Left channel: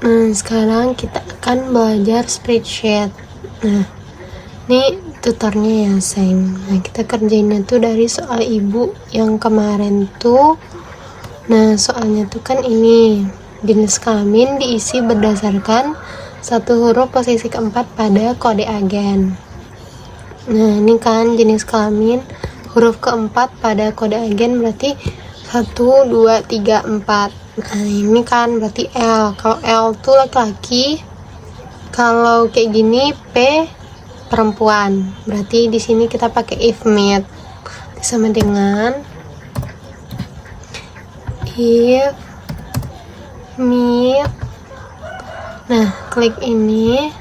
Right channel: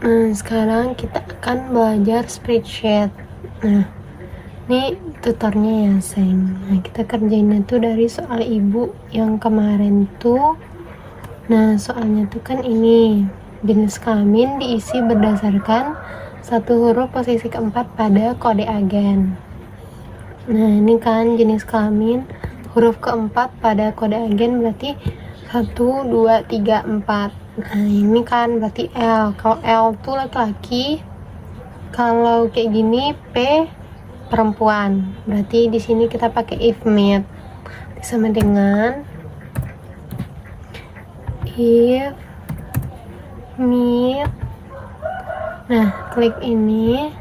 Nah, sekarang kita akan belajar spreadsheet. Nah, ini tutornya ya, sayang. Nah, kita kerjainnya tuh dari soal ibu yang kemarin tuh. Nah, soalnya tuh kan ini jenis kelamin diisi berdasarkan satu huruf posisi keempat pada kode agen. Nah, ini kan jenis kelamin huruf keempat pada kode agen berarti 1, 2, 3, 4. Nah, ini kan berarti L. Kalau L tuh laki-laki, kalau kayak gini P perempuan. Berarti di sini kita pakai if mid. Sama dengan if mid. Nah, klik ini.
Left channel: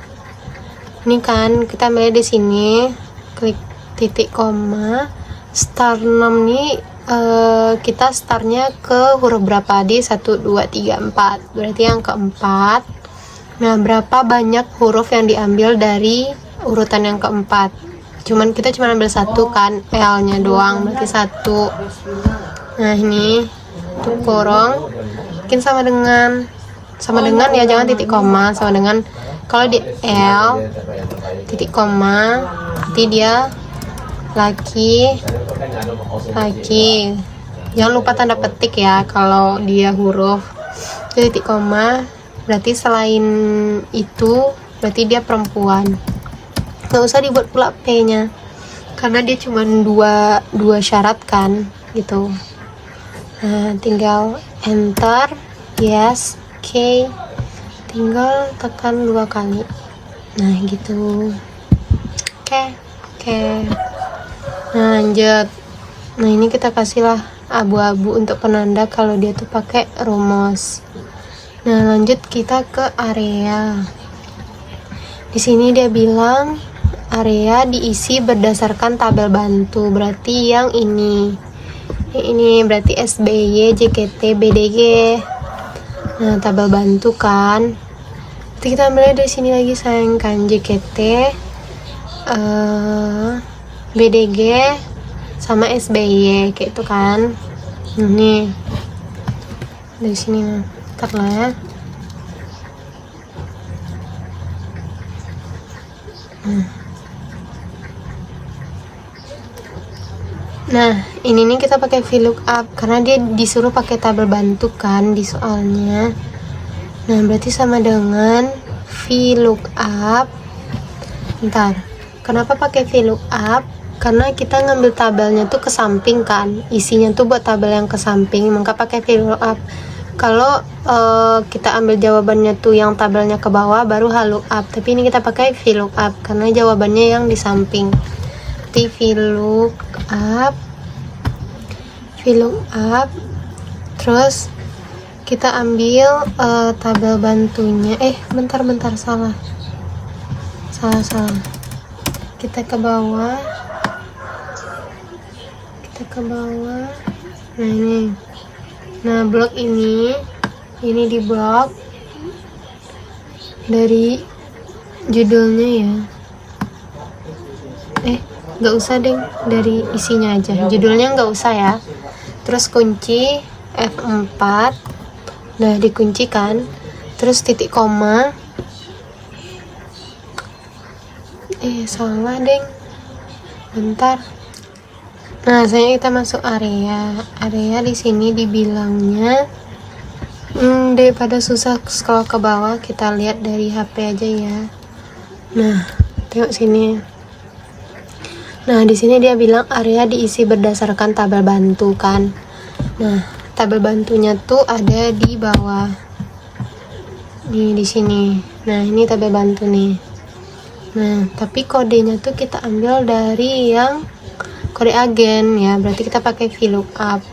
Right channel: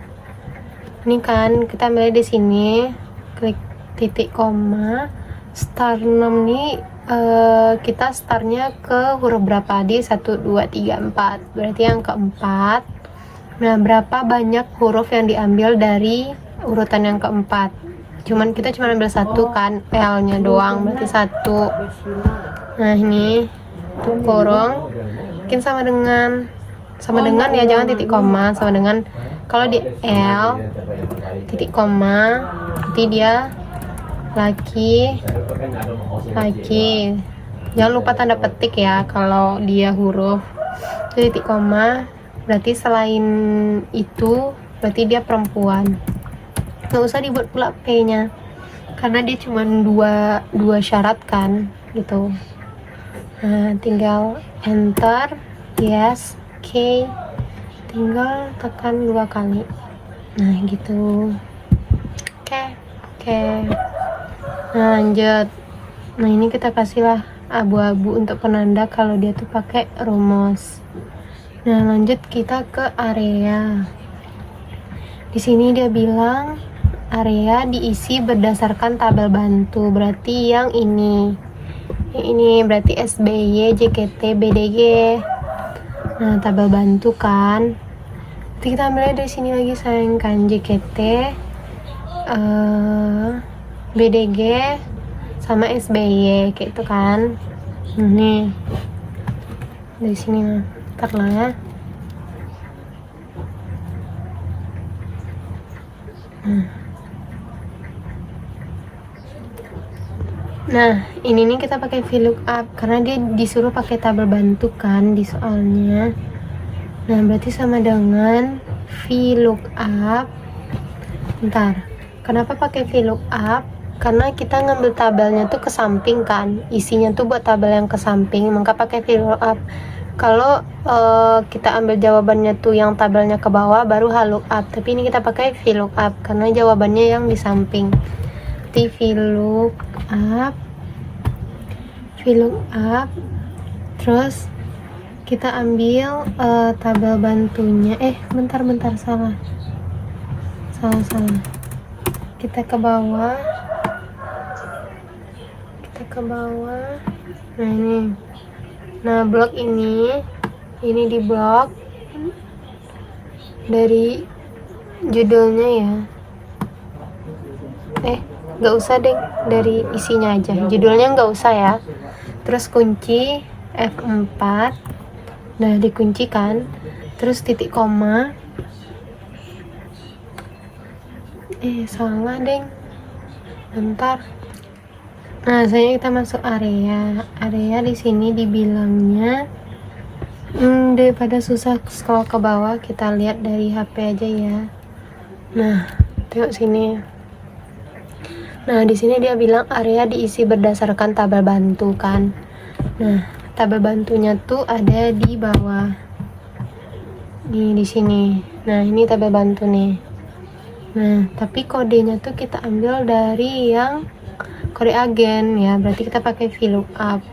Ini kan kita mulai di sini, klik titik koma. Start 6 nih kita startnya ke huruf berapa di 1, 2, 3, 4, berarti yang keempat. Nah, berapa banyak huruf yang diambil dari urutan yang keempat? Kita cuma ambil satu kan, L nya doang, berarti 1. Nah, ini tuh kurung mungkin sama dengan ya, jangan titik koma. Sama dengan kalau di L titik koma berarti dia laki. Jangan lupa tanda petik ya kalau dia huruf. Titik koma berarti selain itu berarti dia perempuan. Nggak usah dibuat pula P nya karena dia cuma dua syarat kan gitu. Nah, tinggal enter, yes, K, tinggal tekan 2 kali. Nah, gitu. Oke. Nah, lanjut. Nah, ini kita kasihlah abu-abu untuk penanda kalau dia tuh pakai rumus. Nah, lanjut kita ke area. Di sini dia bilang area diisi berdasarkan tabel bantu. Berarti yang ini. Ini berarti SBY, JKT, BDG. Nah, tabel bantu kan. Nanti kita mulai dari sini lagi, sayang, kan JKT, BDG sama SBY kayak itu kan. Ini dari sini, ntar lah ya. Nah, ini nih kita pakai VLOOKUP karena dia disuruh pakai tabel bantu kan di soalnya. Nah, berarti sama dengan VLOOKUP. Bentar, kenapa pakai VLOOKUP? Karena kita ngambil tabelnya tuh ke samping kan, isinya tuh buat tabel yang ke samping, maka pakai VLOOKUP. Kalau kita ambil jawabannya tuh yang tabelnya ke bawah baru HLOOKUP, tapi ini kita pakai VLOOKUP karena jawabannya yang di samping. VLOOKUP, terus kita ambil tabel bantunya. Bentar, salah. Kita ke bawah. Nah, ini. Nah, blok ini di blok dari judulnya ya. Nggak usah deh, dari isinya aja, judulnya nggak usah ya. Terus kunci F4. Nah, dikuncikan, terus titik koma. Salah deng, bentar. Nah, selanjutnya kita masuk area. Di sini dibilangnya daripada susah scroll ke bawah, kita lihat dari HP aja ya. Nah, tengok sini. Nah, di sini dia bilang area diisi berdasarkan tabel bantu kan. Nah, tabel bantunya tuh ada di bawah. Nih, di sini. Nah, ini tabel bantu nih. Nah, tapi kodenya tuh kita ambil dari yang kode agen ya. Berarti kita pakai VLOOKUP.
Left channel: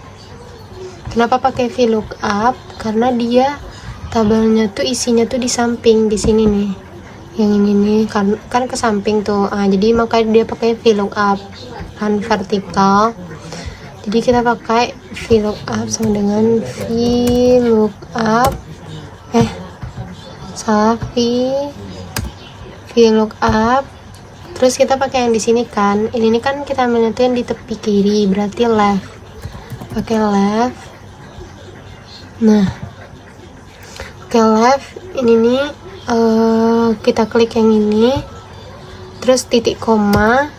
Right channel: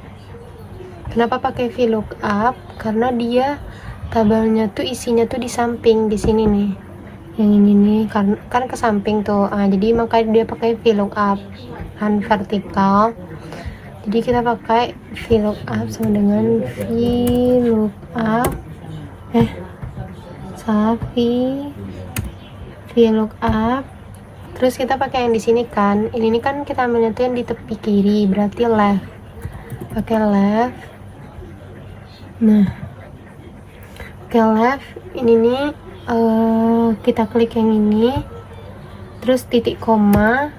Kenapa pakai VLOOKUP? Karena dia tabelnya tuh isinya tuh di samping, di sini nih. Yang ini nih kan ke samping tuh. Jadi makanya dia pakai VLOOKUP kan vertikal. Jadi kita pakai VLOOKUP sama dengan VLOOKUP. VLOOKUP. Terus kita pakai yang di sini kan. Ini kan kita ambilnya tuh yang di tepi kiri, berarti left. Pakai left. Nah, Oke, left ini nih, kita klik yang ini, terus titik koma,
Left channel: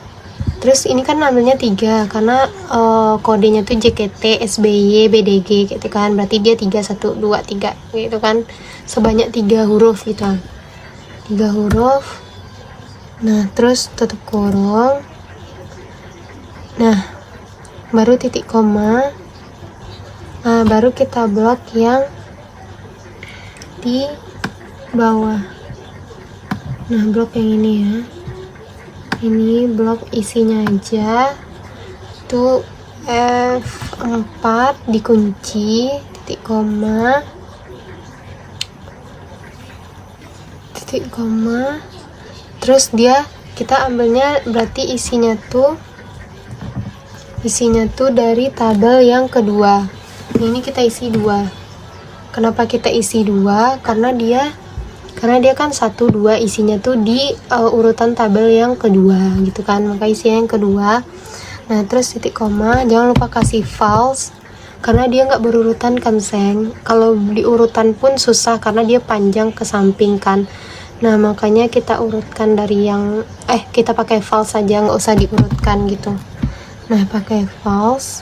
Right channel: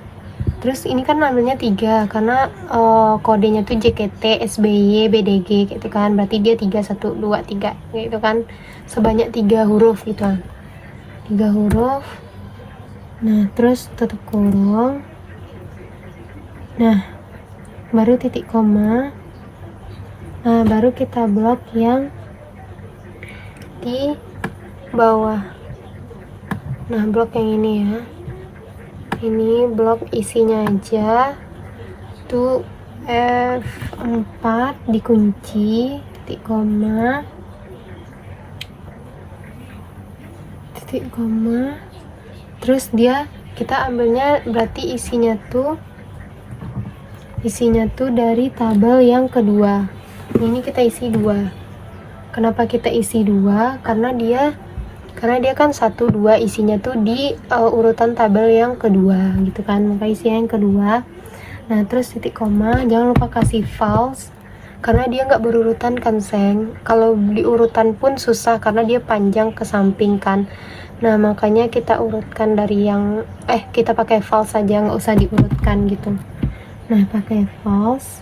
terus ini kan ambilnya 3 karena kodenya tuh JKT, SBY, BDG gitu kan, berarti dia 3, 1, 2, 3 gitu kan, sebanyak 3 huruf gitu kan, 3 huruf. Nah terus tutup kurung, nah baru titik koma. Nah baru kita blok yang di bawah. Nah blok yang ini ya, ini blok isinya aja tuh F4 dikunci, titik koma, terus dia kita ambilnya berarti isinya tuh dari tabel yang kedua. Ini kita isi 2. Kenapa kita isi 2? Karena dia kan 1, 2 isinya tuh di urutan tabel yang kedua gitu kan, maka isinya yang kedua. Nah terus titik koma, jangan lupa kasih false karena dia nggak berurutan kan Seng. Kalau diurutan pun susah karena dia panjang ke samping kan. Nah makanya kita urutkan dari yang kita pakai false saja, nggak usah diurutkan gitu. Nah pakai false,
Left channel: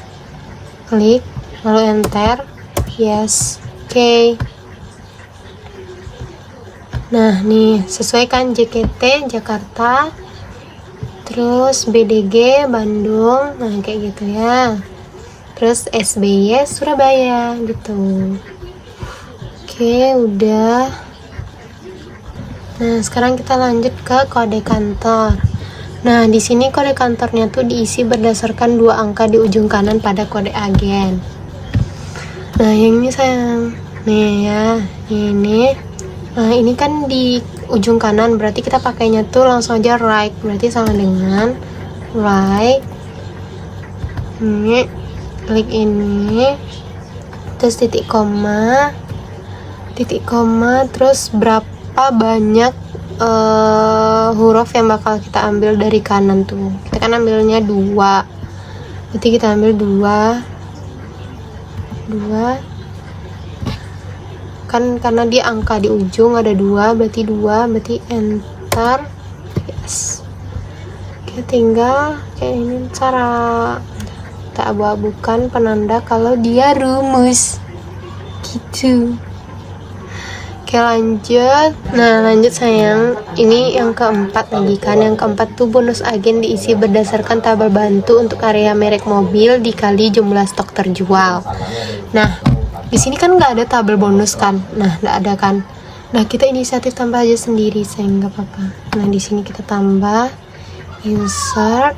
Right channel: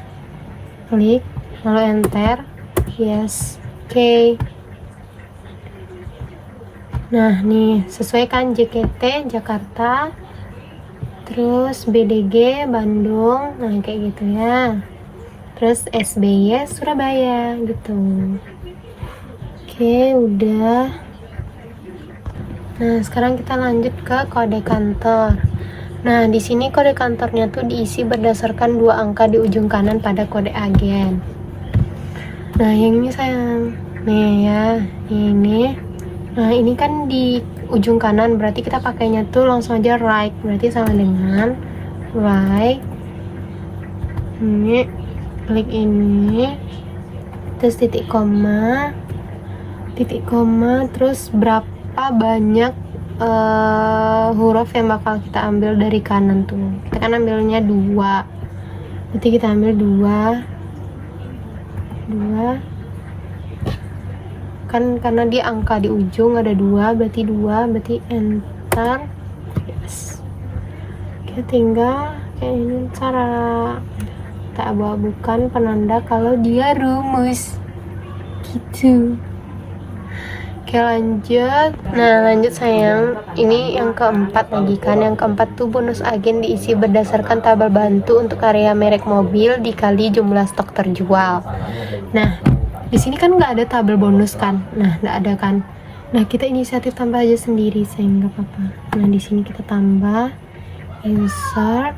klik lalu enter, yes, oke. Nah nih sesuaikan JKT Jakarta, terus BDG Bandung, nah kayak gitu ya, terus SBY Surabaya gitu. Oke udah. Nah sekarang kita lanjut ke kode kantor. Nah di sini kode kantornya tuh diisi berdasarkan 2 angka di ujung kanan pada kode agen. Nah yang ini sayang, nih ya, ini. Nah ini kan di ujung kanan, berarti kita pakainya tuh langsung aja right, berarti sama dengan right. Ini klik ini, terus titik koma, terus berapa banyak huruf yang bakal kita ambil dari kanan tuh. Kita kan ambilnya 2, berarti kita ambil 2 kan, karena dia angka di ujung ada 2, berarti enter, yes. Kita tinggal kayak ini, cara kita abu-abukan penanda kalau dia rumus gitu. Oke lanjut. Nah lanjut sayang, ini yang keempat lagi kan. Yang keempat tuh bonus agen diisi berdasarkan tabel bantu untuk area merek mobil dikali jumlah stok terjual. Nah di sini kan nggak ada tabel bonus kan, nah nggak ada kan. Nah kita inisiatif tambah aja sendiri sayang, nggak apa-apa. Nah di sini kita tambah, insert.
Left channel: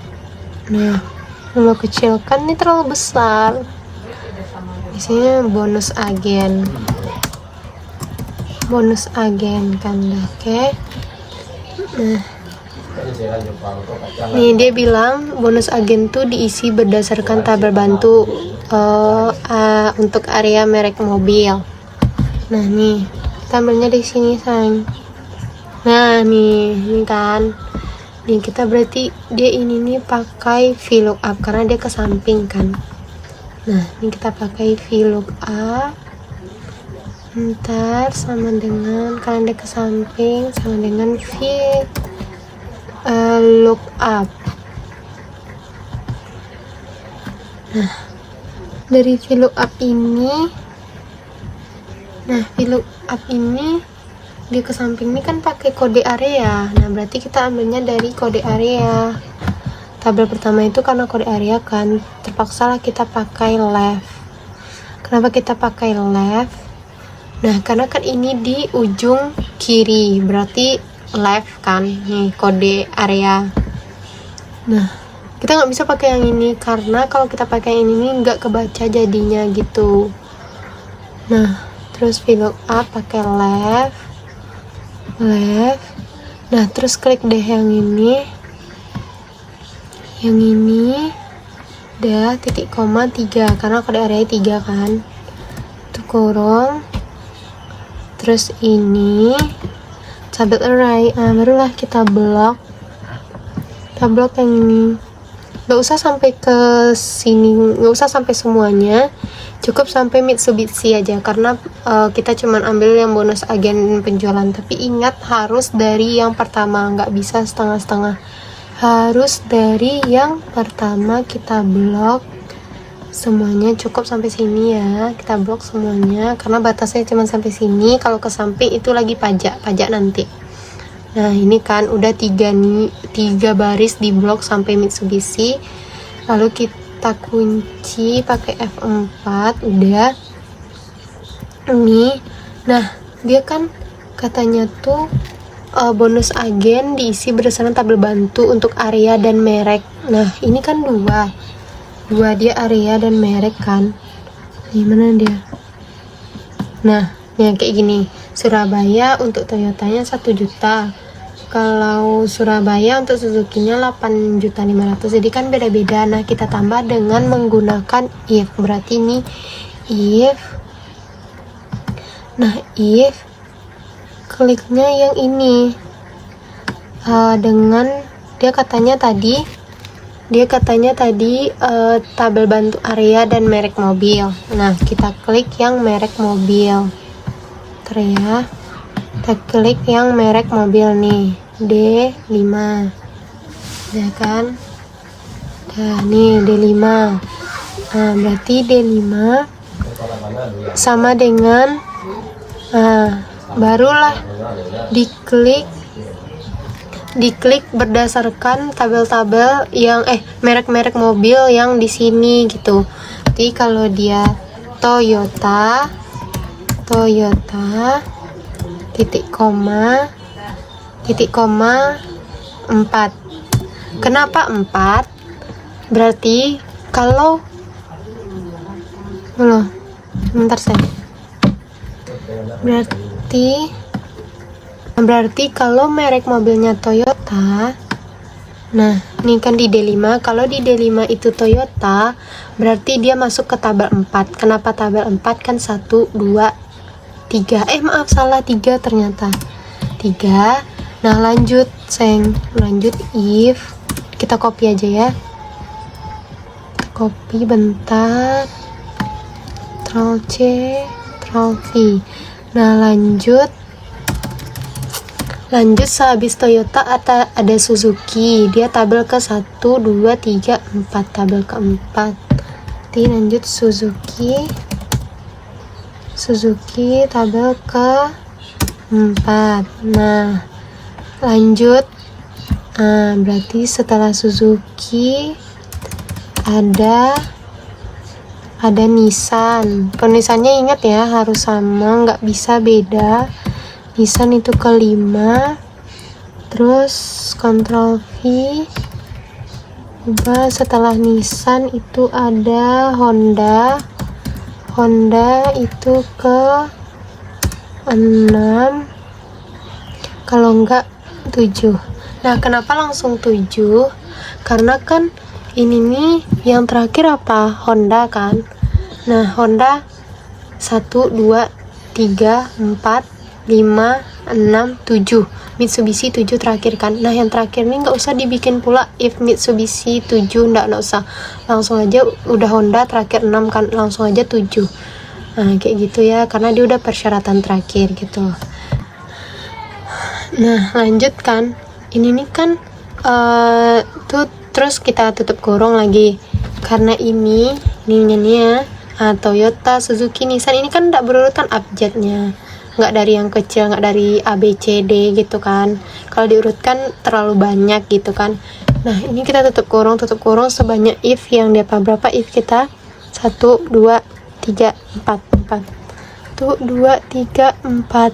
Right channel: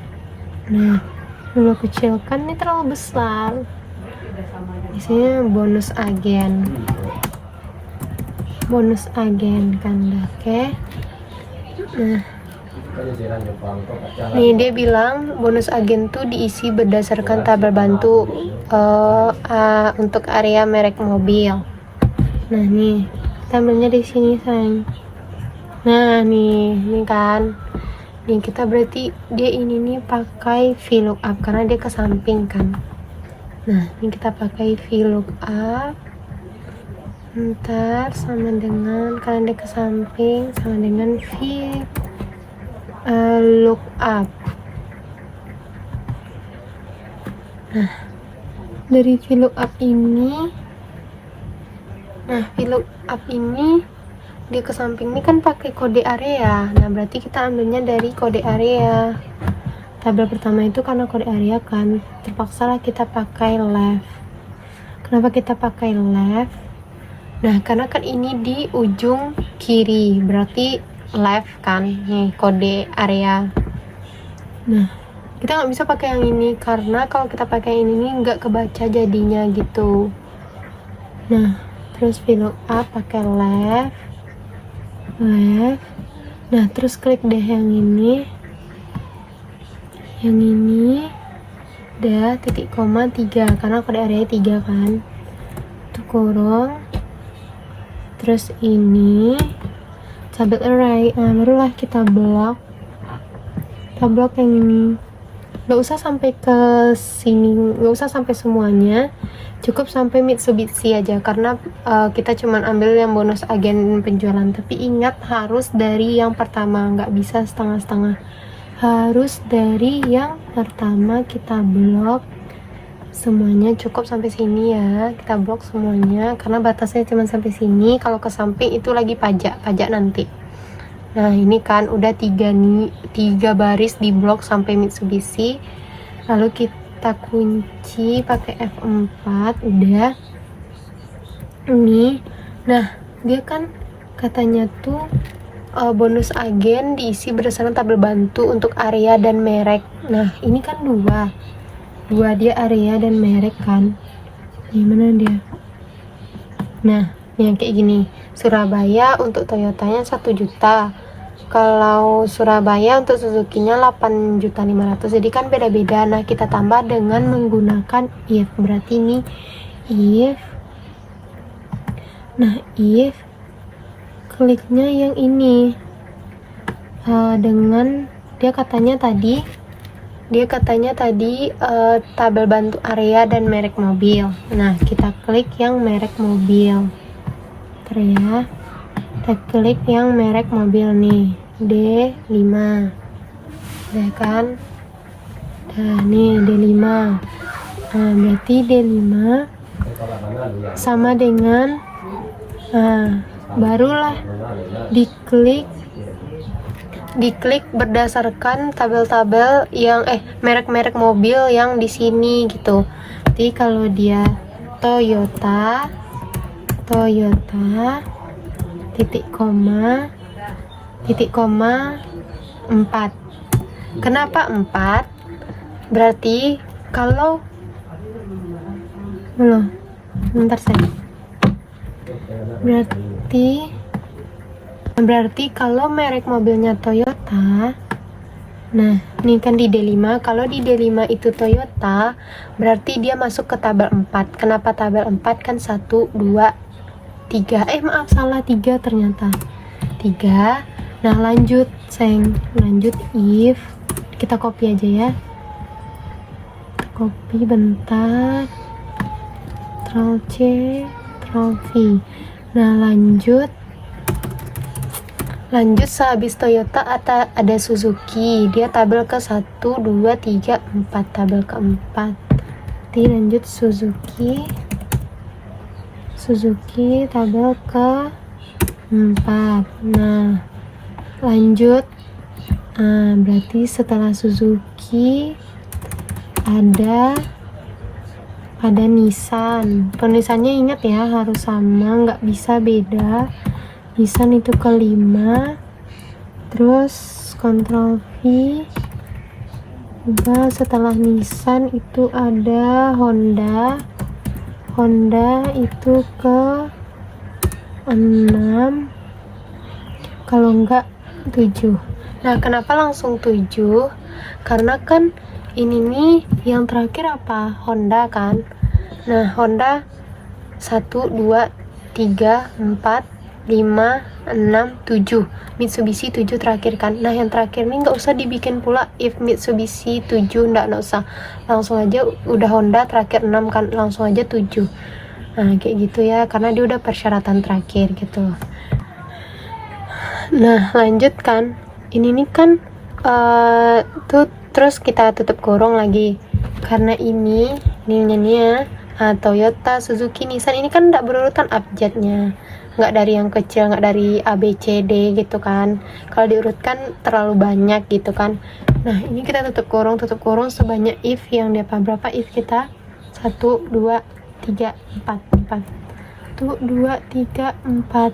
Nah mau kecilkan, ini terlalu besar. Di sini bonus agen kan, oke. Nah nih dia bilang bonus agen tuh diisi berdasarkan tabel bantu untuk area merek mobil. Nah nih kita ambilnya di sini sayang. Nah nih kan, nih kita berarti dia ini nih pakai VLOOKUP karena dia ke samping kan. Nah ini kita pakai VLOOKUP, ntar sama dengan karena dia ke samping sama dengan VLOOKUP. Nah dari VLOOKUP ini dia ke samping ini kan pakai kode area. Nah berarti kita ambilnya dari kode area. Tabel pertama itu karena kode area kan, terpaksa lah kita pakai left. Kenapa kita pakai left? Nah karena kan ini di ujung kiri, berarti left kan, nih kode area. Nah kita nggak bisa pakai yang ini karena kalau kita pakai yang ini nggak kebaca jadinya gitu. Nah terus VLOOKUP pakai left. Nah terus klik deh yang ini udah titik koma 3 karena kode area 3 kan, itu kurung, terus ini tabel array. Nah barulah kita blok yang ini. nggak usah sampai ke sini, nggak usah sampai semuanya, cukup sampai Mitsubishi aja, karena kita cuman ambil yang bonus agen penjualan. Tapi ingat, harus dari yang pertama, nggak bisa setengah-setengah, harus dari yang pertama. Kita blok semuanya, cukup sampai sini ya, kita blok semuanya karena batasnya cuma sampai sini. Kalau ke samping itu lagi pajak nanti. Nah ini kan udah 3 baris di blok sampai Mitsubishi, lalu kita kunci pakai F4. Udah ini. Nah dia kan katanya tuh bonus agen diisi berdasarkan tabel bantu untuk area dan merek. Nah ini kan dua dia area dan merek kan. Gimana dia? Nah yang kayak gini, Surabaya untuk Toyotanya 1 juta, kalau Surabaya untuk Suzuki-nya 8.500.000. Jadi kan beda-beda. Nah kita tambah dengan menggunakan if. Berarti ini if. Nah if kliknya yang ini dengan dia katanya tadi tabel bantu area dan merek mobil. Nah kita klik yang merek mobil, ya. Kita klik yang merek mobil nih, D5 ya kan. Nah nih D5. Nah berarti D5 sama dengan, barulah diklik berdasarkan tabel-tabel yang merek-merek mobil yang di sini gitu. Jadi kalau dia Toyota titik koma 4. Kenapa 4? Berarti kalau berarti kalau merek mobilnya Toyota, nah ini kan di D5, kalau di D5 itu Toyota, berarti dia masuk ke tabel 4. Kenapa tabel 4? Kan 1, 2, 3, maaf salah 3 ternyata 3. Nah lanjut if, kita copy aja ya, copy bentar, Ctrl C, Ctrl V. Nah lanjut sehabis Toyota ada Suzuki, dia tabel ke 1, 2, 3, 4, tabel ke 4. Nanti lanjut Suzuki tabel ke 4. Nah lanjut, berarti setelah Suzuki ada Nissan. Penulisannya ingat ya, harus sama, nggak bisa beda. Nissan itu ke 5, terus Ctrl V, setelah Nissan itu ada Honda itu ke 6, kalau enggak 7. Nah kenapa langsung 7? Karena kan ini nih yang terakhir apa? Honda kan. Nah Honda 1, 2, 3, 4, 5, 6, 7. Mitsubishi 7 terakhir kan. Nah yang terakhir nih nggak usah dibikin pula if Mitsubishi 7, nggak usah, langsung aja udah Honda terakhir 6 kan, langsung aja 7. Nah kayak gitu ya, karena dia udah persyaratan terakhir gitu. Nah lanjut kan, ini nih kan terus kita tutup kurung lagi, karena ini ya, Toyota, Suzuki, Nissan ini kan tidak berurutan abjadnya, nggak dari yang kecil, nggak dari A, B, C, D gitu kan. Kalau diurutkan terlalu banyak gitu kan. Nah ini kita tutup kurung sebanyak if yang dia berapa if kita 1, 2, 3, 4 1, 2, 3, 4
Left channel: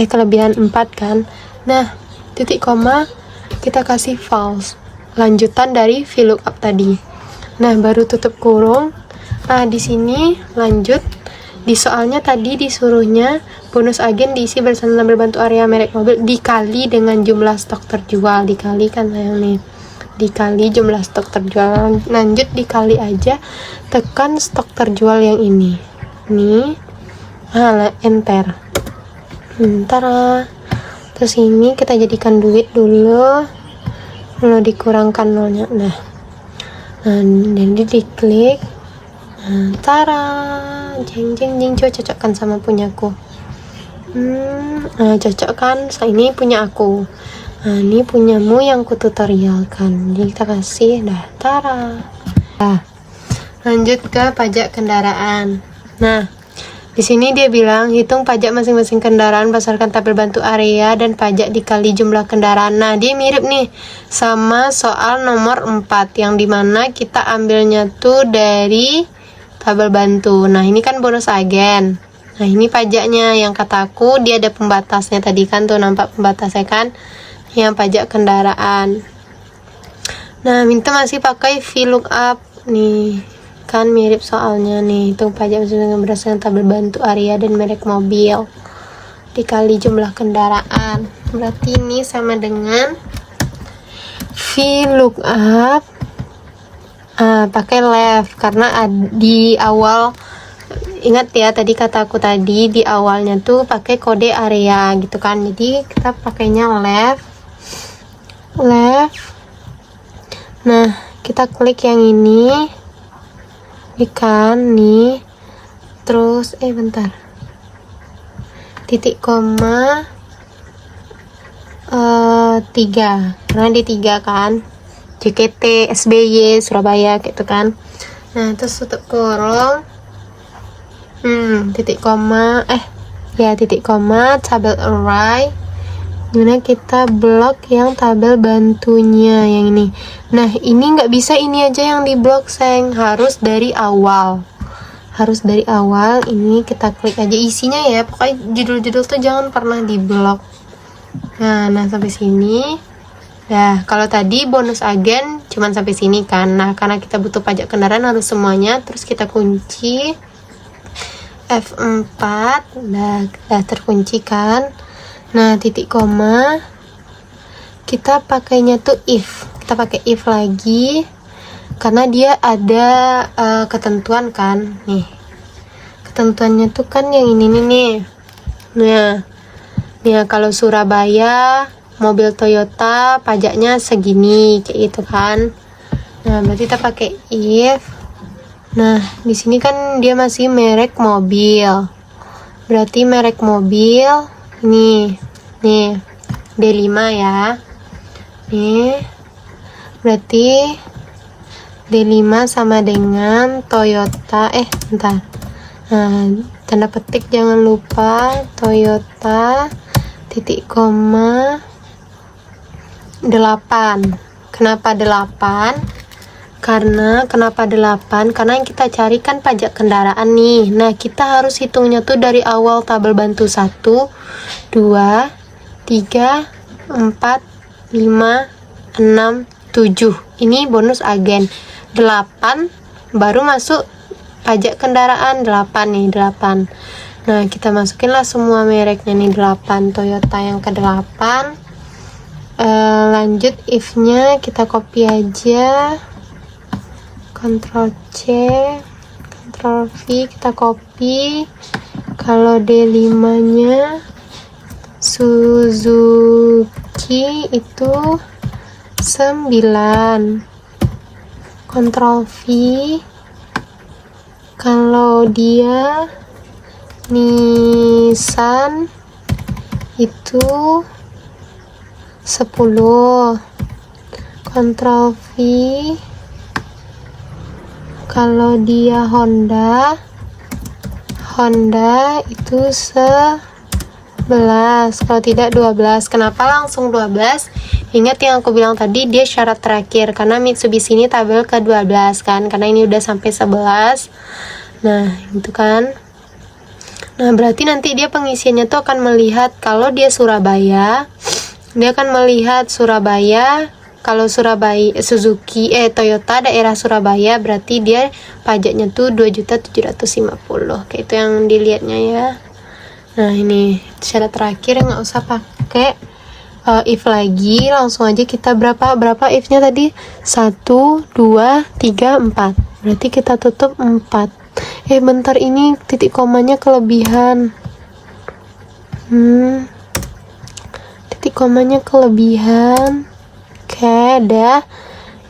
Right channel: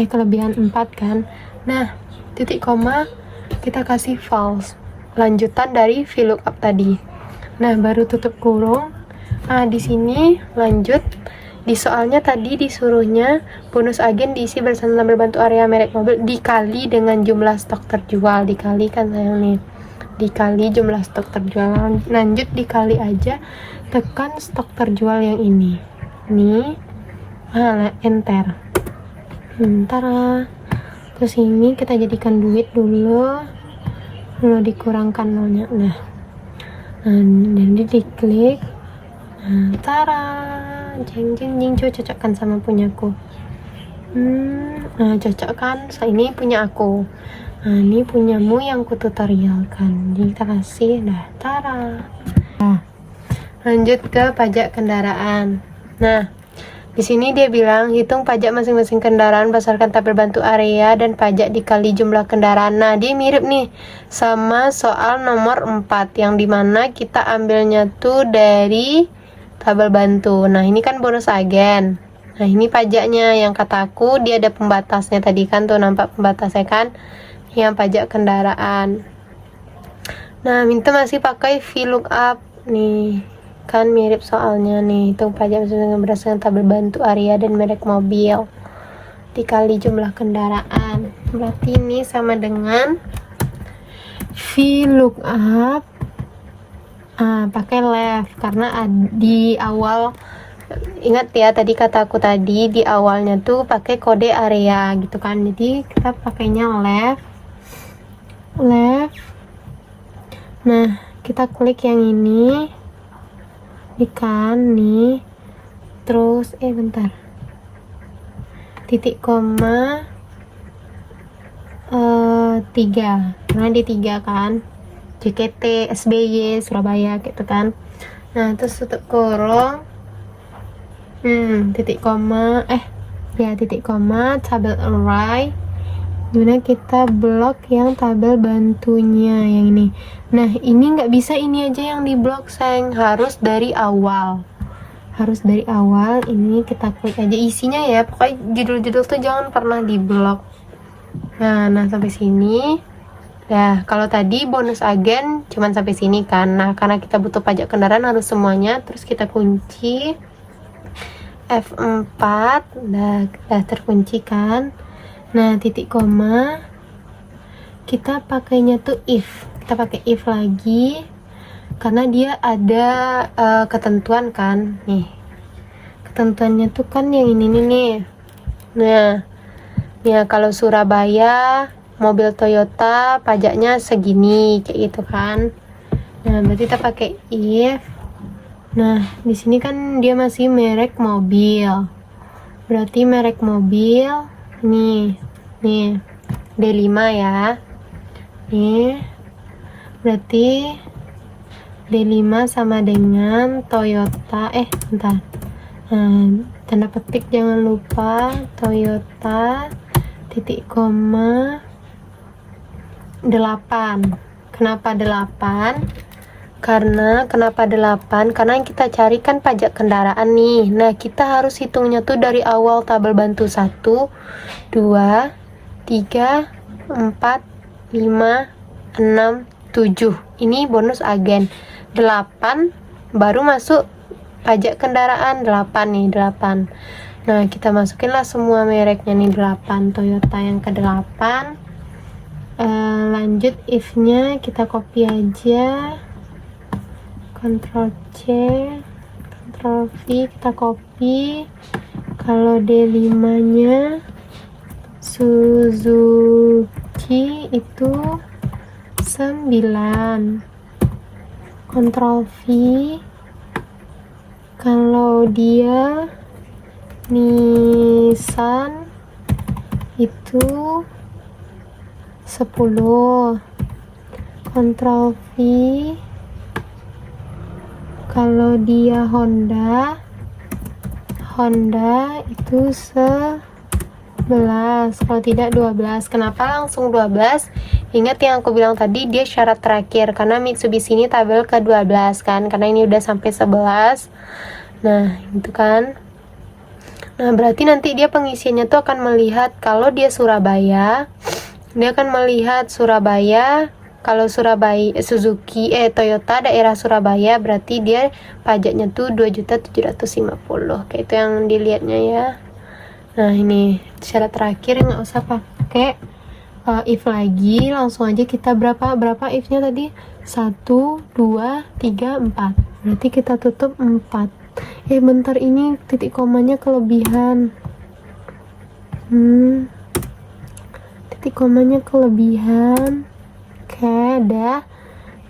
kelebihan 4 kan. Nah titik koma kita kasih false, lanjutan dari VLOOKUP tadi. Nah baru tutup kurung. Nah di sini lanjut, di soalnya tadi disuruhnya bonus agen diisi bersama tabel bantu area merek mobil dikali dengan jumlah stok terjual. Dikali kan sayang nih, dikali jumlah stok terjual. Lanjut dikali aja, tekan stok terjual yang ini nih, enter. Terus ini kita jadikan duit dulu. Kalau dikurangkan nolnya, nah jadi diklik, nah, tara, jeng jeng jeng, coba cocokkan sama punyaku. Nah, cocok kan? Ini punya aku. Nah, ini punyamu yang ku tutorialkan. Jadi kita kasih dah, tara. Nah, lanjut ke pajak kendaraan. Nah, di sini dia bilang hitung pajak masing-masing kendaraan berdasarkan tabel bantu area dan pajak dikali jumlah kendaraan. Nah, dia mirip nih sama soal nomor 4 yang dimana kita ambilnya tuh dari tabel bantu. Nah, ini kan bonus agen. Nah, ini pajaknya yang kataku dia ada pembatasnya tadi kan tuh, nampak pembatasnya kan, yang pajak kendaraan. Nah, minta masih pakai VLOOKUP nih, kan mirip soalnya nih, hitung pajak berdasarkan tabel bantu area dan merek mobil dikali jumlah kendaraan. Berarti ini sama dengan VLOOKUP pakai left, karena di awal ingat ya tadi kataku tadi di awalnya tuh pakai kode area gitu kan, jadi kita pakainya left. Nah, kita klik yang ini kan nih, terus bentar, titik koma 3 karena di 3 kan, JKT SBY Surabaya gitu kan. Nah, terus tutup kurung, titik koma tabel array, gimana kita blok yang tabel bantunya yang ini. Nah, ini nggak bisa ini aja yang di blok, sayang, harus dari awal. Ini kita klik aja isinya ya, pokoknya judul-judul tuh jangan pernah di blok. Nah sampai sini. Nah, kalau tadi bonus agen cuman sampai sini kan. Nah, karena kita butuh pajak kendaraan harus semuanya, terus kita kunci F4, udah terkunci kan. Nah, titik koma kita pakainya tuh if, kita pakai if lagi karena dia ada ketentuan kan nih, ketentuannya tuh kan yang ini nih. Nah, kalau Surabaya mobil Toyota pajaknya segini kayak gitu kan. Nah, berarti kita pakai if. Nah, di sini kan dia masih merek mobil. Berarti merek mobil nih D5 ya. Nih. Berarti D5 sama dengan Toyota bentar. Nah, tanda petik jangan lupa Toyota titik koma 8. Kenapa 8? Kenapa 8? Karena yang kita cari kan pajak kendaraan nih. Nah, kita harus hitungnya tuh dari awal tabel bantu 1, 2, 3, 4, 5, 6, 7. Ini bonus agen. 8 baru masuk pajak kendaraan. 8 nih, 8. Nah, kita masukinlah semua mereknya nih, 8 Toyota yang ke-8. Lanjut if-nya kita copy aja. Ctrl C, Ctrl V, kita copy. Kalau D5 nya Suzuki itu 9. Ctrl V. Kalau dia Nissan itu 10. Ctrl V. Kalau dia Honda itu 11. Kalau tidak 12. Kenapa langsung 12? Ingat yang aku bilang tadi, dia syarat terakhir karena Mitsubishi ini tabel ke-12 kan, karena ini udah sampai 11. Nah, itu kan. Nah, berarti nanti dia pengisiannya tuh akan melihat kalau dia Surabaya, dia akan melihat Surabaya. Kalau Suzuki Toyota daerah Surabaya, berarti dia pajaknya tuh 2.750.000. Kayak itu yang dilihatnya ya. Nah, ini syarat terakhir, nggak usah pakai if lagi, langsung aja kita berapa if-nya tadi? 1, 2, 3, 4. Berarti kita tutup 4. Bentar, ini titik komanya kelebihan. Titik komanya kelebihan. Oke. dah.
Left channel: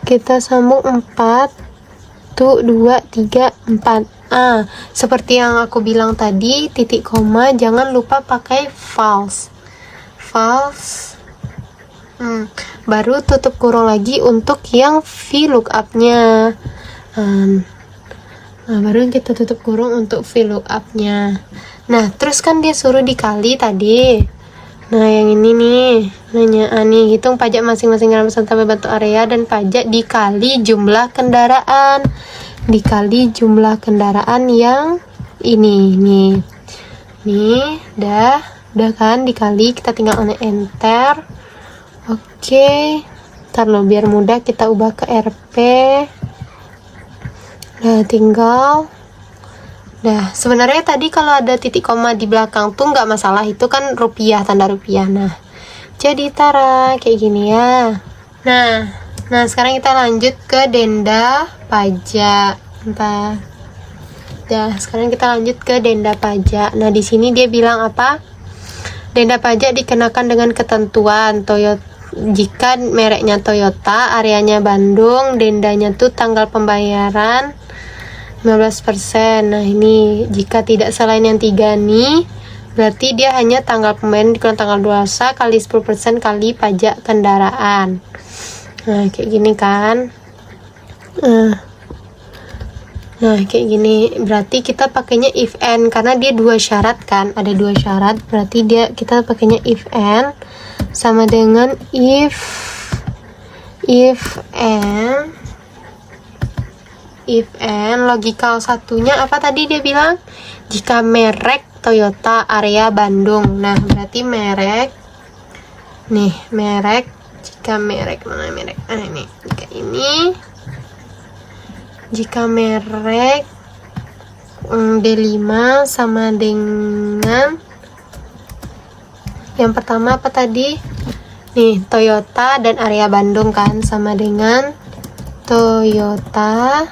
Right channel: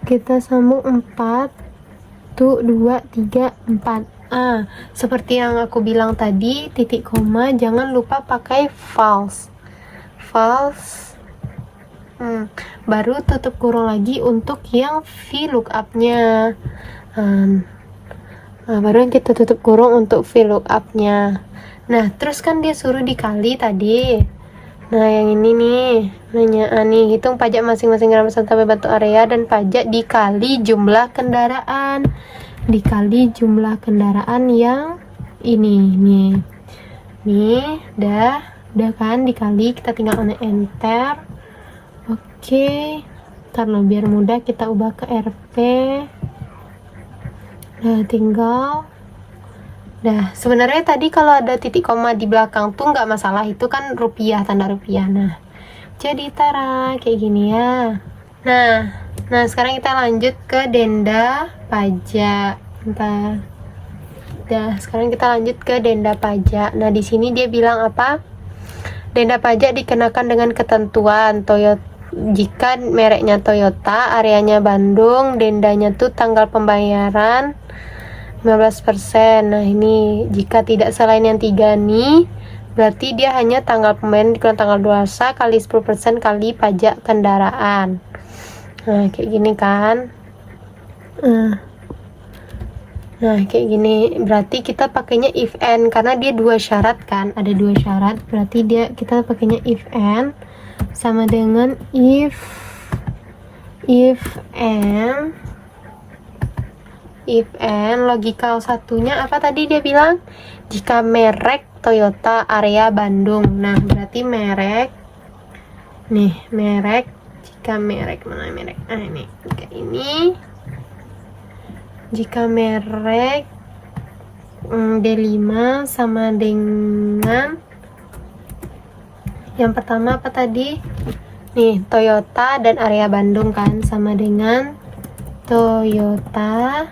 Kita sambung 4 1 2 3 4. Seperti yang aku bilang tadi, titik koma jangan lupa pakai false. Baru tutup kurung lagi untuk yang VLOOKUP-nya. Baru kita tutup kurung untuk VLOOKUP-nya. Nah, terus kan dia suruh dikali tadi. Nah, yang ini nih, nanya nih, hitung pajak masing-masing kendaraan sampai bentuk area dan pajak dikali jumlah kendaraan. Dikali jumlah kendaraan yang ini nih. Nih, udah kan dikali, kita tinggal enter. Oke. Ntar lo biar mudah kita ubah ke RP. Nah, tinggal. Nah, sebenarnya tadi kalau ada titik koma di belakang tuh nggak masalah, itu kan rupiah, tanda rupiah. Nah, jadi tara kayak gini ya. Nah sekarang kita lanjut ke denda pajak. Sekarang kita lanjut ke denda pajak. Nah, di sini dia bilang apa? Denda pajak dikenakan dengan ketentuan Toyota. Jika mereknya Toyota, areanya Bandung, dendanya tuh tanggal pembayaran 15%. Nah, ini jika tidak selain yang 3 nih, berarti dia hanya tanggal pembayaran dikurang tanggal luarsa kali 10% kali pajak kendaraan. Nah, kayak gini kan. Nah, kayak gini. Berarti kita pakainya if and, karena dia 2 syarat kan. Ada 2 syarat, berarti kita pakainya if and sama dengan if and logikal satunya apa tadi dia bilang? Jika merek Toyota area Bandung. Nah, berarti merek. Nih, merek. Jika merek, mana merek? Ini. Jika merek D5 sama dengan yang pertama apa tadi? Nih, Toyota dan area Bandung kan, sama dengan Toyota.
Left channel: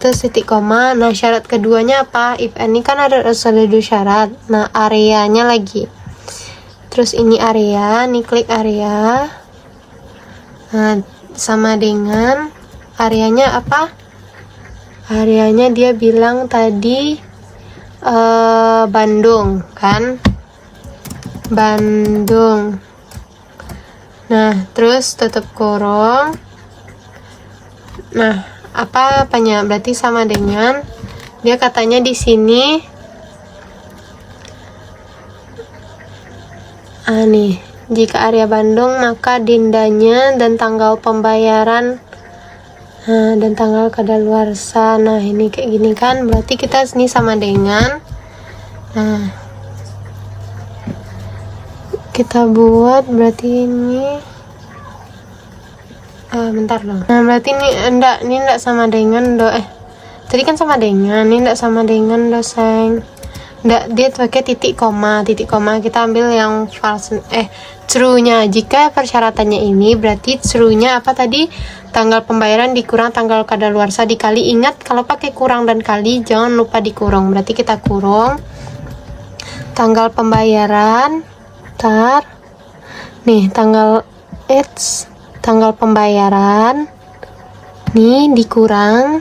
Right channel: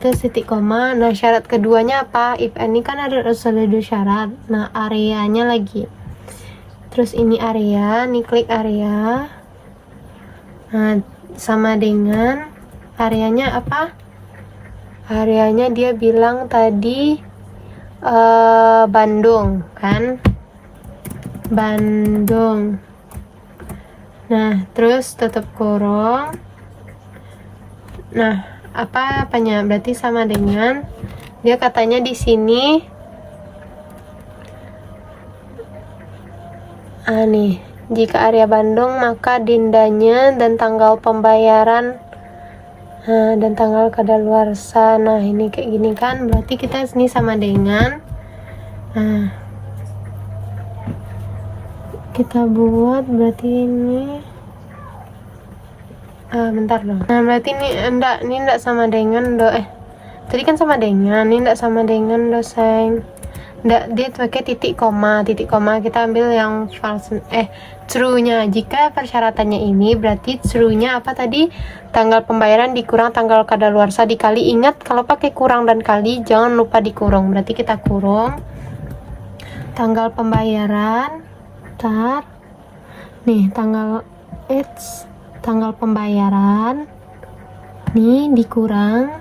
Terus titik koma. Nah, syarat keduanya apa? If and ini kan harus ada 2 syarat. Nah, areanya lagi. Terus ini area, nih klik area. Nah, sama dengan areanya apa? Areanya dia bilang tadi Bandung kan? Bandung. Nah, terus tutup kurung. Nah, apanya? Berarti sama dengan dia katanya di sini nih, jika area Bandung maka dendanya dan tanggal pembayaran dan tanggal kadaluarsa. Nah, ini kayak gini kan, berarti kita sini sama dengan kita buat berarti ini bentar dong. Nah, berarti ini enggak sama dengan tadi kan sama dengan, ini enggak sama dengan doseng. Enggak, dia pakai titik koma kita ambil yang false true-nya. Jika persyaratannya ini berarti true-nya apa tadi? Tanggal pembayaran dikurang tanggal kadaluarsa dikali. Ingat kalau pakai kurang dan kali jangan lupa dikurung. Berarti kita kurung tanggal pembayaran. Nih, tanggal pembayaran nih dikurang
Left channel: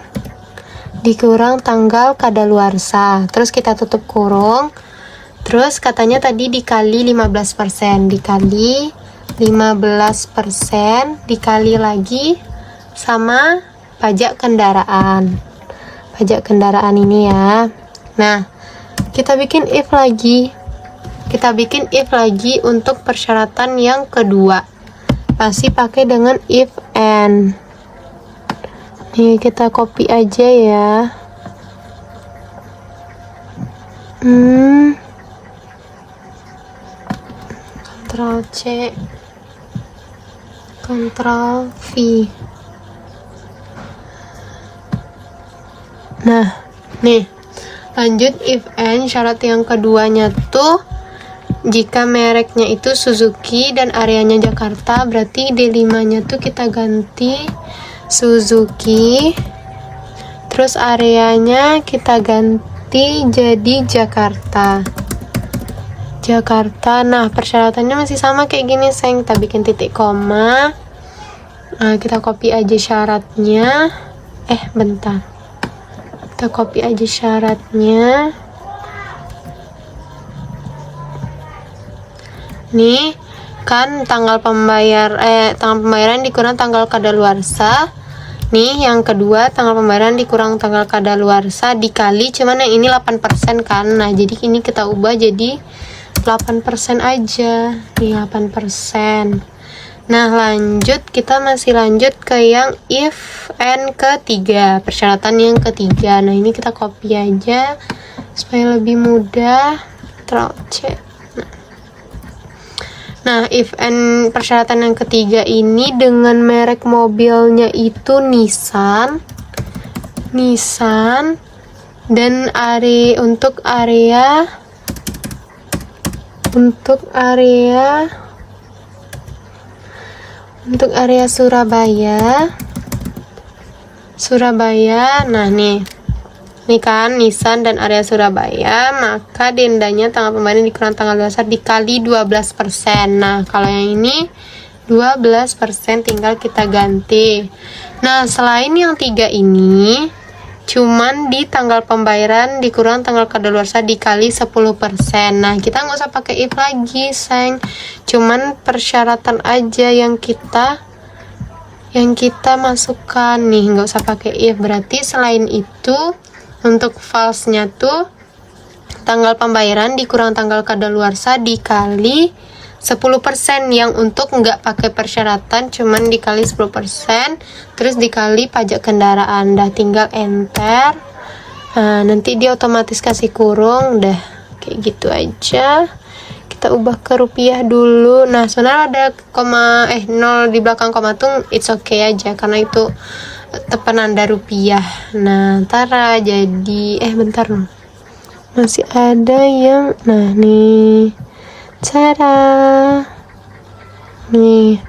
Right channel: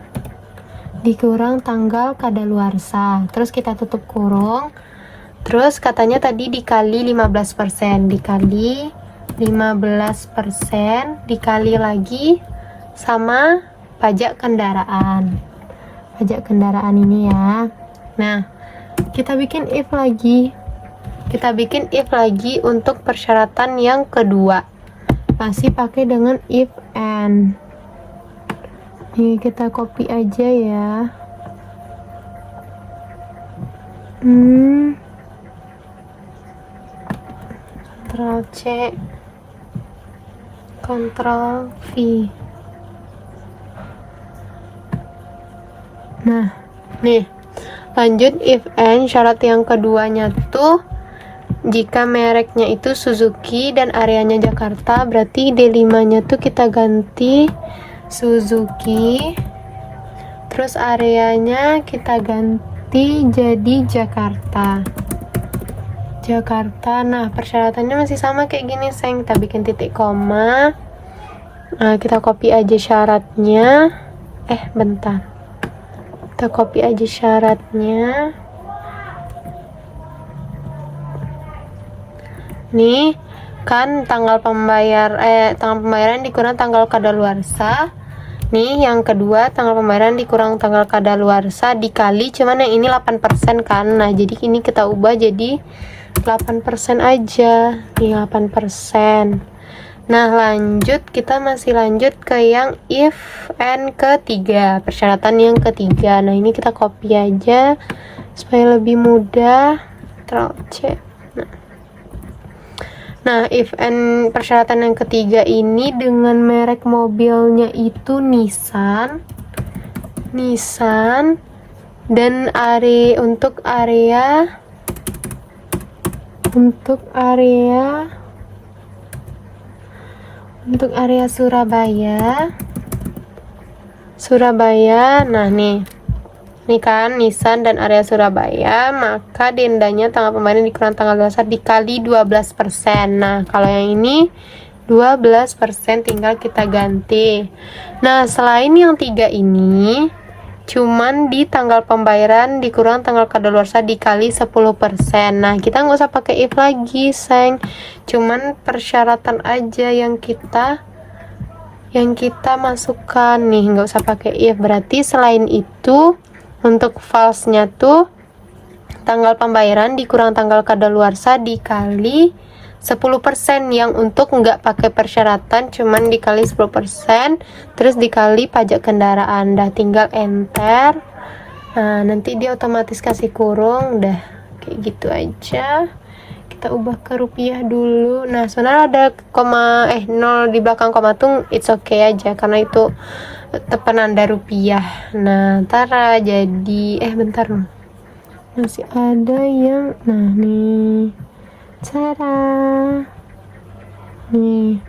tanggal kadaluarsa, terus kita tutup kurung, terus katanya tadi dikali 15%, dikali 15% dikali lagi sama pajak kendaraan ini ya. Nah, kita bikin if lagi untuk persyaratan yang kedua, pasti pakai dengan if and. Nih, kita copy aja ya. Ctrl C, Ctrl V. Nah, nih lanjut if and syarat yang keduanya tuh jika mereknya itu Suzuki dan areanya Jakarta, berarti D5 nya tuh kita ganti Suzuki, terus areanya kita ganti jadi Jakarta. Nah, persyaratannya masih sama kayak gini, kita bikin titik koma, Nah, kita copy aja syaratnya. Bentar. Kita copy aja syaratnya. Nih, kan tanggal pembayaran dikurang tanggal kadaluarsa. Nih, yang kedua tanggal pembayaran dikurang tanggal kadaluarsa dikali, cuman yang ini 8% kan. Nah, jadi ini kita ubah jadi 8% aja. Nih, 8%. Nah, lanjut, kita masih lanjut ke yang if and ketiga, persyaratan yang ketiga. Nah, ini kita copy aja supaya lebih mudah. Ctrl+C. Nah, if and persyaratan yang ketiga ini dengan merek mobilnya itu Nissan dan untuk area Surabaya. Nah, nih kan Nissan dan area Surabaya, maka dendanya tanggal pembayaran dikurang tanggal dasar dikali 12%. Nah, kalau yang ini 12% tinggal kita ganti. Nah, selain yang 3 ini cuman di tanggal pembayaran dikurang tanggal kadaluarsa dikali 10%. Nah, kita nggak usah pakai if lagi, sayang. Cuman persyaratan aja yang kita masukkan nih, nggak usah pakai if. Berarti selain itu untuk false-nya tuh tanggal pembayaran dikurang tanggal kadaluarsa dikali 10%, yang untuk nggak pakai persyaratan cuman dikali 10%, terus dikali pajak kendaraan. Dah, tinggal enter. Nah, nanti dia otomatis kasih kurung. Dah, kayak gitu aja. Kita ubah ke rupiah dulu. Nah, sebenarnya ada koma 0 di belakang koma tuh it's okay aja karena itu penanda rupiah. Nah, tara jadi bentar loh. Masih ada yang nih cara nih.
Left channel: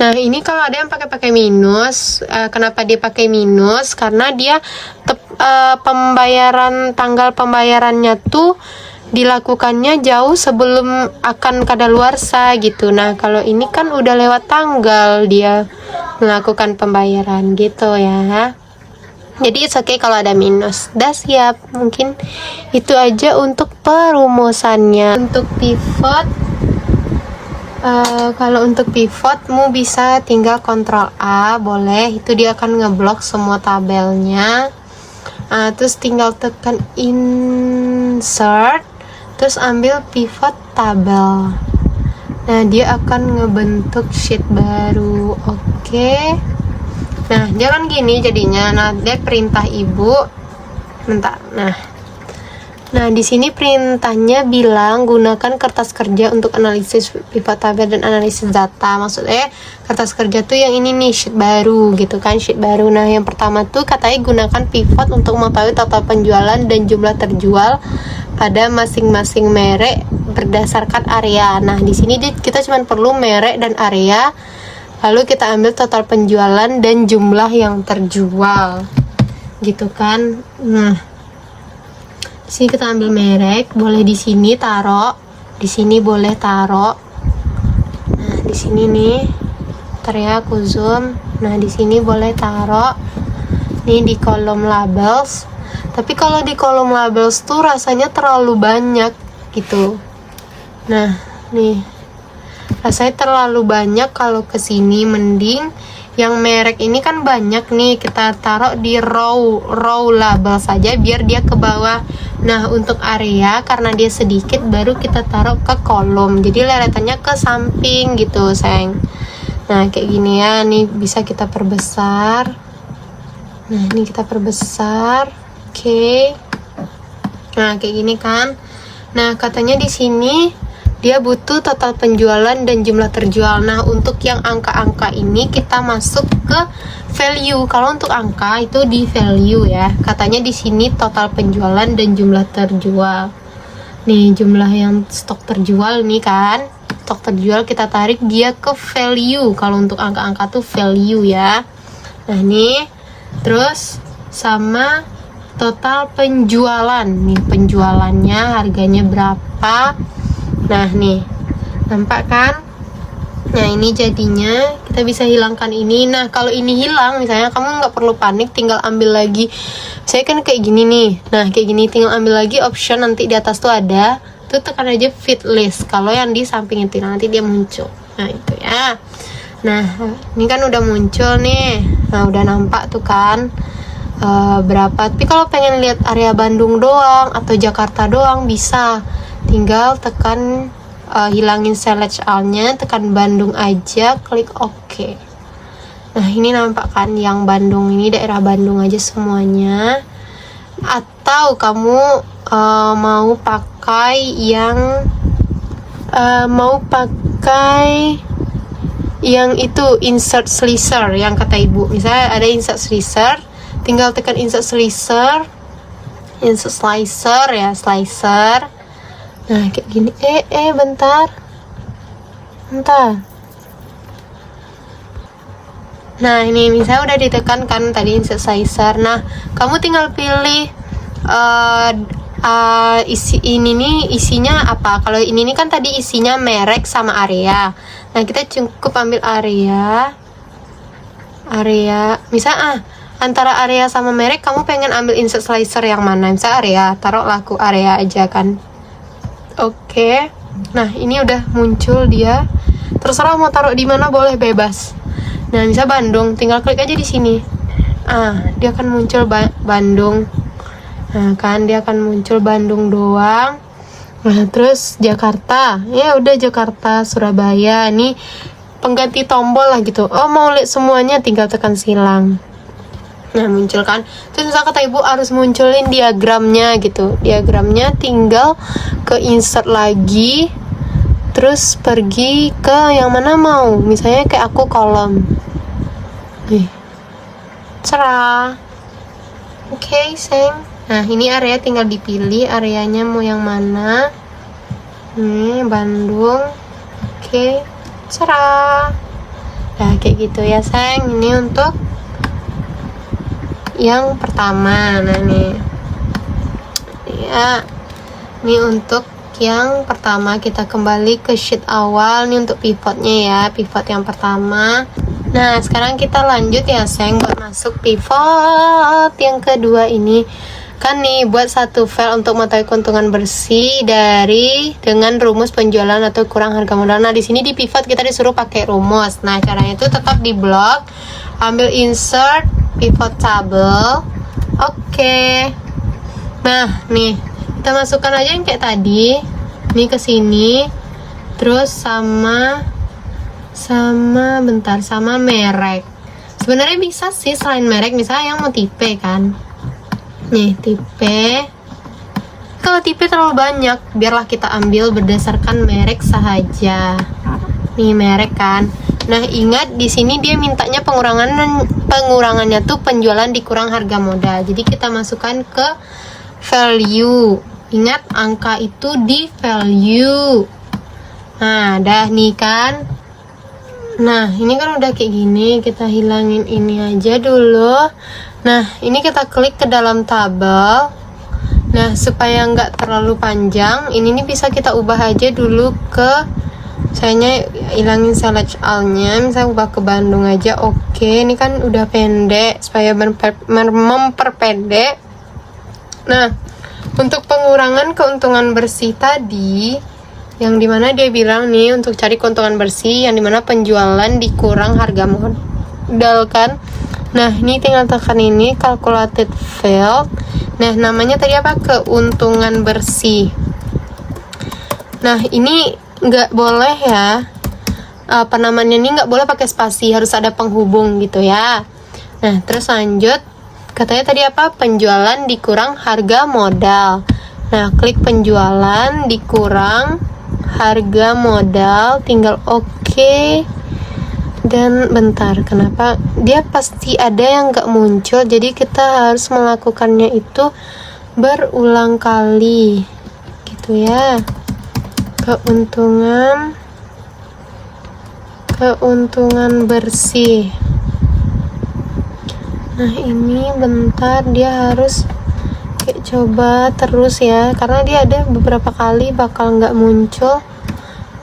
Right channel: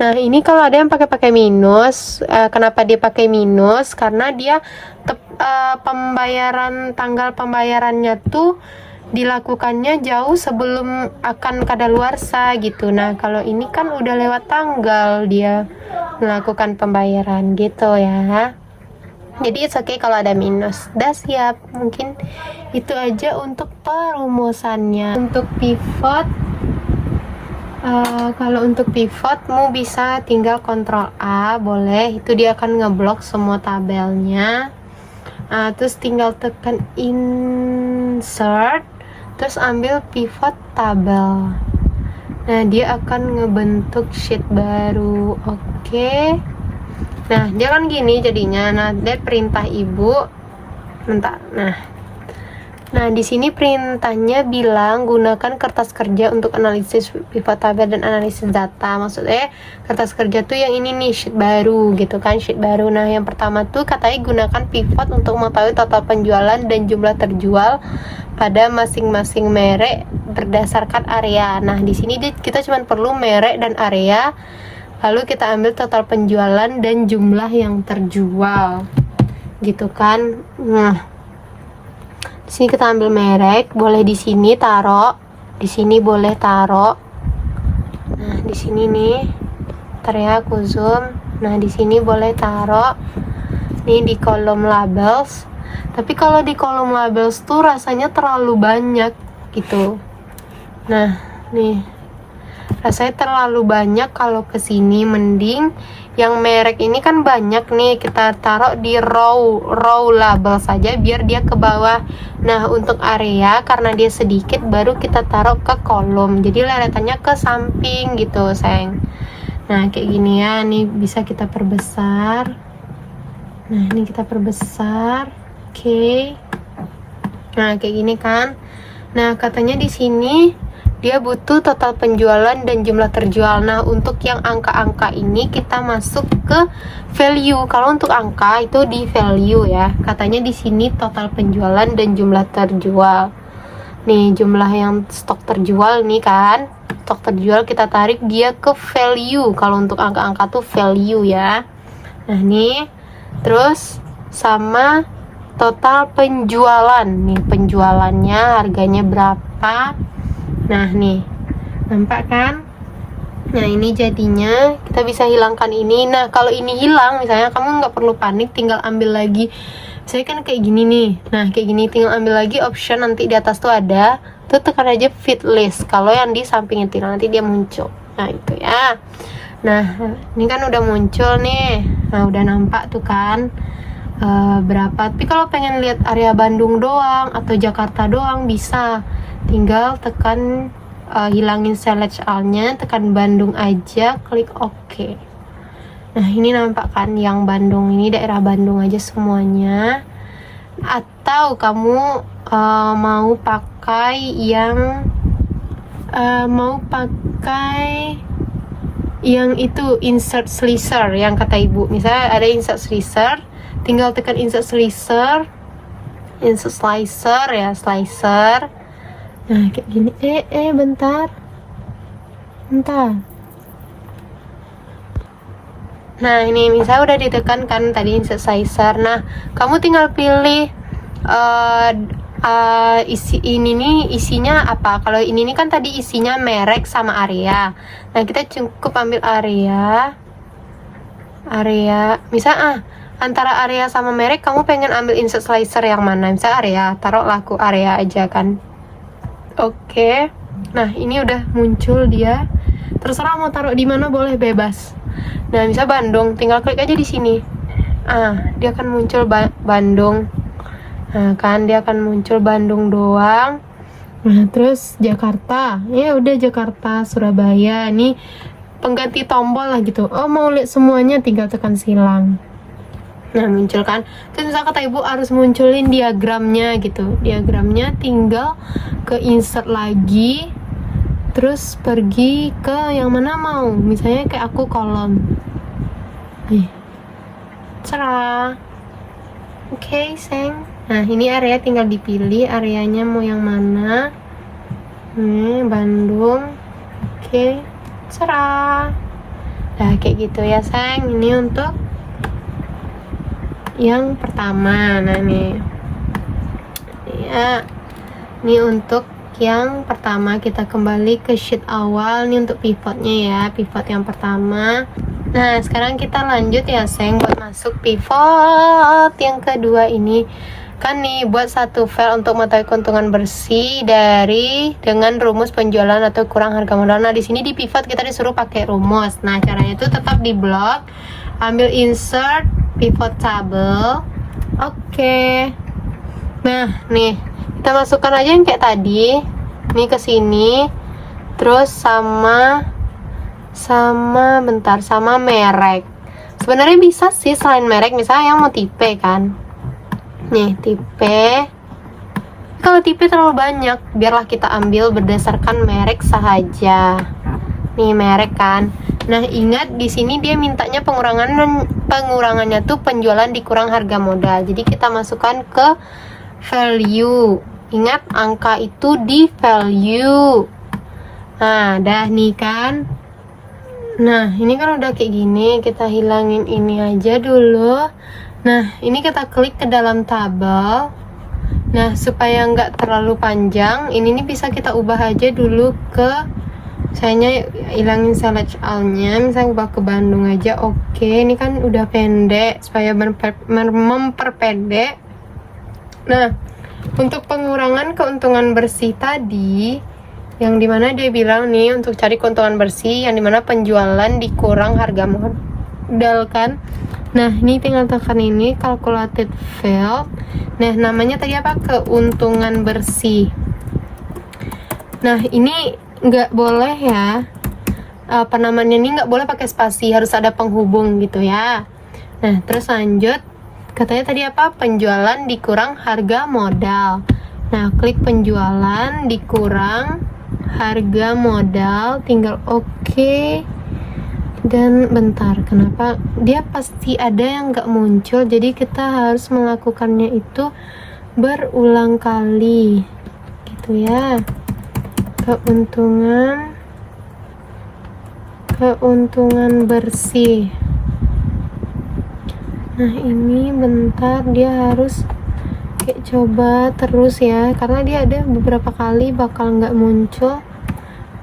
Nah, ini kalau ada yang pakai minus, kenapa dia pakai minus? Karena dia tanggal pembayarannya tuh dilakukannya jauh sebelum akan kadaluarsa gitu. Nah, kalau ini kan udah lewat tanggal dia melakukan pembayaran gitu ya. Jadi it's okay kalau ada minus. Dah siap. Mungkin itu aja untuk perumusannya. Untuk pivot, kalau untuk pivotmu bisa tinggal Ctrl A, boleh. Itu dia akan ngeblok semua tabelnya. Terus tinggal tekan insert, terus ambil pivot tabel. Nah, dia akan ngebentuk sheet baru. Oke. Nah, dia kan gini jadinya. Nah, dia perintah ibu. Bentar. Nah, di sini perintahnya bilang gunakan kertas kerja untuk analisis pivot tabel dan analisis data. Maksudnya kertas kerja tuh yang ini nih, sheet baru gitu kan, sheet baru. Nah, yang pertama tuh katanya gunakan pivot untuk mengetahui total penjualan dan jumlah terjual pada masing-masing merek berdasarkan area. Nah, di sini kita cuma perlu merek dan area, lalu kita ambil total penjualan dan jumlah yang terjual, gitu kan. Nah, di sini kita ambil merek, boleh di sini taruh, di sini boleh taruh. Nah, di sini nih, ntar ya aku zoom. Nah, di sini boleh taruh. Nih di kolom labels. Tapi kalau di kolom labels tuh rasanya terlalu banyak gitu. Nah, nih rasanya terlalu banyak. Kalau kesini mending yang merek ini kan banyak nih, kita taruh di row label saja biar dia ke bawah. Nah, untuk area karena dia sedikit baru kita taruh ke kolom, jadi leretannya ke samping gitu sayang. Nah, kayak gini ya, nih bisa kita perbesar. Nah, ini kita perbesar. Oke. Nah, kayak gini kan. Nah, katanya di sini dia butuh total penjualan dan jumlah terjual. Nah, untuk yang angka-angka ini kita masuk ke value. Kalau untuk angka itu di value ya. Katanya di sini total penjualan dan jumlah terjual. Nih, jumlah yang stok terjual nih kan. Stok terjual kita tarik dia ke value. Kalau untuk angka-angka tuh value ya. Nah, nih. Terus sama total penjualan. Nih, penjualannya harganya berapa. Nah, nih nampak kan. Nah, ini jadinya kita bisa hilangkan ini. Nah kalau ini hilang misalnya, kamu nggak perlu panik, tinggal ambil lagi. Saya kan kayak gini nih, nah kayak gini tinggal ambil lagi option, nanti di atas tuh ada, tuh tekan aja fit list. Kalau yang di samping itu nanti dia muncul. Nah itu ya. Nah ini kan udah muncul nih, nah udah nampak tuh kan berapa. Tapi kalau pengen lihat area Bandung doang atau Jakarta doang bisa, tinggal tekan hilangin select all-nya, tekan Bandung aja, klik OK. Nah ini nampak kan yang Bandung ini, daerah Bandung aja semuanya. Atau kamu mau pakai yang itu insert slicer yang kata ibu. Misalnya ada insert slicer, tinggal tekan insert slicer, insert slicer ya, slicer. Nah kayak gini. Bentar. Nah ini misalnya udah ditekan kan tadi insert slicer. Nah kamu tinggal pilih isinya apa. Kalau ini nih kan tadi isinya merek sama area. Nah kita cukup ambil area. Misal antara area sama merek, kamu pengen ambil insert slicer yang mana? Misal area, taruh laku area aja kan. Oke. Nah ini udah muncul dia. Terserah mau taruh di mana, boleh bebas. Nah misal Bandung, tinggal klik aja di sini. Dia akan muncul Bandung. Nah kan dia akan muncul Bandung doang. Nah terus Jakarta, ya udah Jakarta, Surabaya. Ini pengganti tombol lah gitu. Mau lihat semuanya, tinggal tekan silang. Nah muncul kan. Terus misal kata ibu harus munculin diagramnya gitu. Diagramnya tinggal ke insert lagi, terus pergi ke yang mana mau. Misalnya kayak aku kolom. Cerah. Oke, sayang. Nah ini area tinggal dipilih areanya mau yang mana. Bandung. Oke, cerah. Nah kayak gitu ya sayang. Ini untuk yang pertama. Nah nih ya, ini untuk yang pertama. Kita kembali ke sheet awal. Ini untuk pivotnya ya, pivot yang pertama. Nah sekarang kita lanjut ya sayang buat masuk pivot yang kedua. Ini kan nih buat satu file untuk mengetahui keuntungan bersih dengan rumus penjualan atau kurang harga modal. Nah di sini di pivot kita disuruh pakai rumus. Nah caranya itu tetap di blok, ambil insert pivot table. Oke. Nah nih kita masukkan aja yang kayak tadi. Ini ke sini. Terus sama merek. Sebenarnya bisa sih selain merek, misalnya yang mau tipe kan. Nih tipe. Kalau tipe terlalu banyak, biarlah kita ambil berdasarkan merek saja. Nih merek kan. Nah ingat di sini dia mintanya pengurangannya tuh penjualan dikurang harga modal. Jadi kita masukkan ke value. Ingat angka itu di value. Nah dah nih kan. Nah ini kan udah kayak gini. Kita hilangin ini aja dulu. Nah ini kita klik ke dalam tabel. Nah supaya nggak terlalu panjang, ini nih bisa kita ubah aja dulu ke, misalnya hilangin select all-nya, misalnya ubah ke Bandung aja. Oke, ini kan udah pendek, supaya memperpendek. Nah untuk pengurangan keuntungan bersih tadi, yang dimana dia bilang nih untuk cari keuntungan bersih yang dimana penjualan dikurang harga modal kan. Nah ini tinggal tekan ini calculated field. Nah namanya tadi apa? Keuntungan bersih. Nah ini nggak boleh ya, apa namanya, ini nggak boleh pakai spasi, harus ada penghubung gitu ya. Nah terus lanjut, katanya tadi apa? Penjualan dikurang harga modal. Nah klik penjualan dikurang harga modal, tinggal oke. Dan bentar, kenapa dia pasti ada yang nggak muncul, jadi kita harus melakukannya itu berulang kali gitu ya. Keuntungan bersih. Nah ini bentar, dia harus kayak coba terus ya, karena dia ada beberapa kali bakal nggak muncul.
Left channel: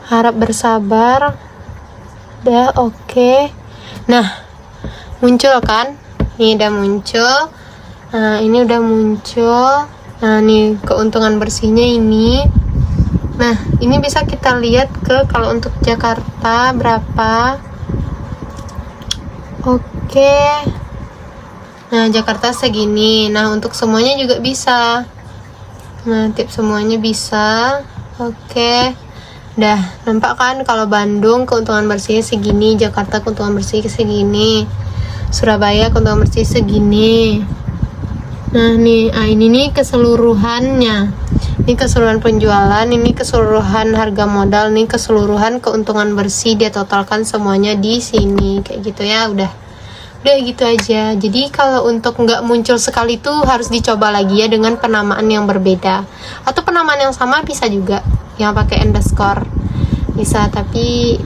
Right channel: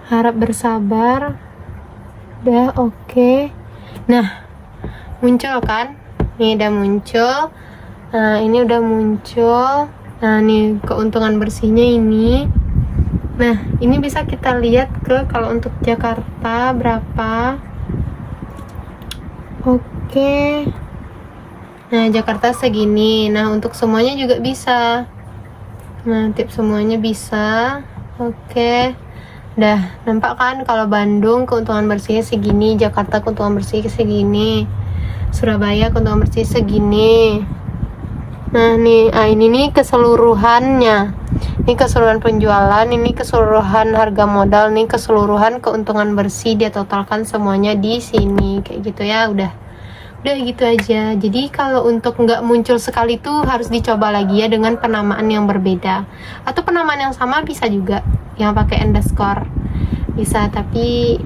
Harap bersabar. Udah oke. Nah, muncul kan? Ini udah muncul. Nah, ini udah muncul. Nah, nih keuntungan bersihnya ini. Nah, ini bisa kita lihat kalau untuk Jakarta berapa. Oke. Nah, Jakarta segini. Nah, untuk semuanya juga bisa. Nah, tips semuanya bisa. Oke. Dah, nampak kan kalau Bandung keuntungan bersihnya segini, Jakarta keuntungan bersih segini, Surabaya keuntungan bersih segini. Nah, ini nih keseluruhannya. Ini keseluruhan penjualan, ini keseluruhan harga modal, nih keseluruhan keuntungan bersih, dia totalkan semuanya di sini. Kayak gitu ya, udah gitu aja. Jadi kalau untuk nggak muncul sekali tuh harus dicoba lagi ya dengan penamaan yang berbeda, atau penamaan yang sama bisa juga yang pakai underscore bisa, tapi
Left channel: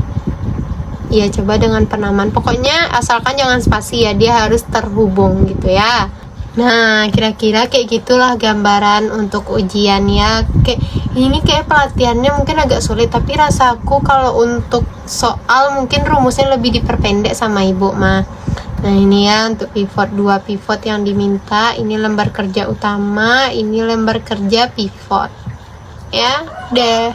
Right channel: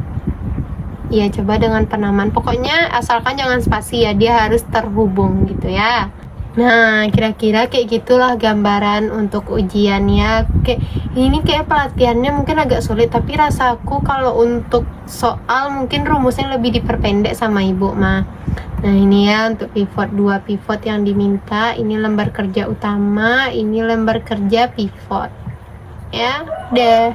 ya coba dengan penamaan, pokoknya asalkan jangan spasi ya, dia harus terhubung gitu ya. Nah, kira-kira kayak gitulah gambaran untuk ujian ya. Kayak pelatihannya mungkin agak sulit, tapi rasaku kalau untuk soal mungkin rumusnya lebih diperpendek sama ibu mah. Nah, ini ya untuk pivot, 2 pivot yang diminta. Ini lembar kerja utama, ini lembar kerja pivot. Ya, deh.